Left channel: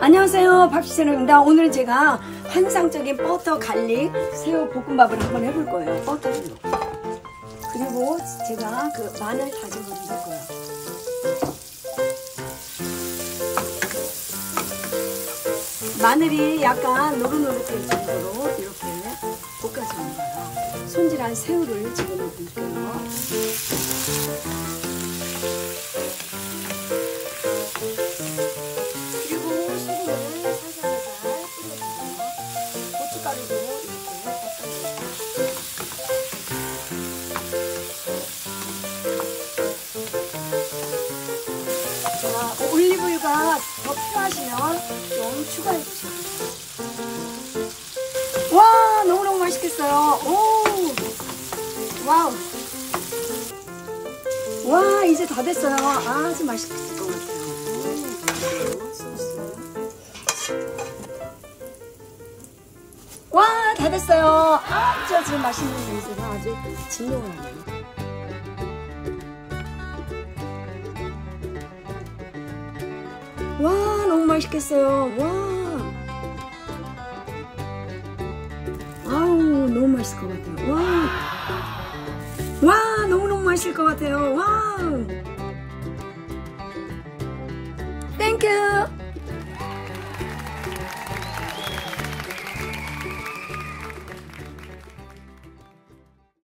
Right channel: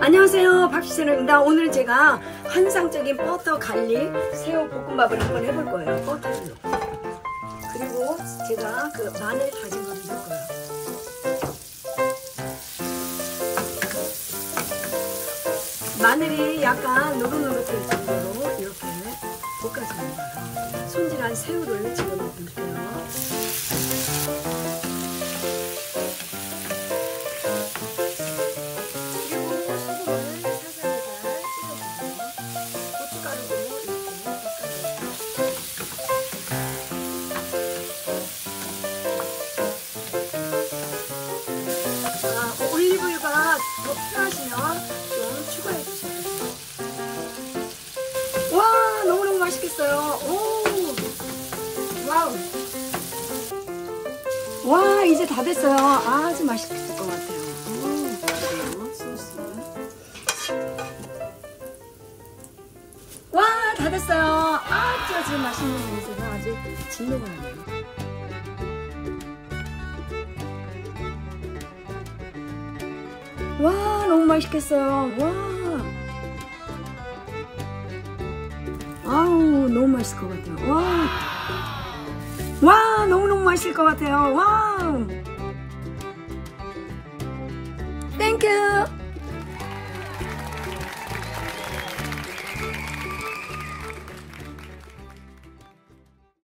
안녕하세요, 박시채널입니다. 오늘 제가 환상적인 버터 갈릭 새우 볶음밥을 한번 해볼 거예요. 버터를 넣고. 그리고 제가 그 마늘 다진 거를 넣을 거예요. 마늘이 약간 노릇노릇할 정도로 이렇게 볶아줍니다. 손질한 새우를 집어넣어 볼게요. 올리브유가 더 필요하시면 좀 추가해 주세요. 와, 너무너무 맛있겠어요. 오, 와우. 와, 이제 다 됐어요. 아주 맛있겠을 것 같아요. 소스. 와, 다 됐어요. 아주 맛있는 냄새가 아주 진동하네요. 와, 너무 맛있겠어요. 와, 아우, 너무 맛있을 것 같아요. 와, 너무너무 맛있을 것 같아요. 와, 땡큐.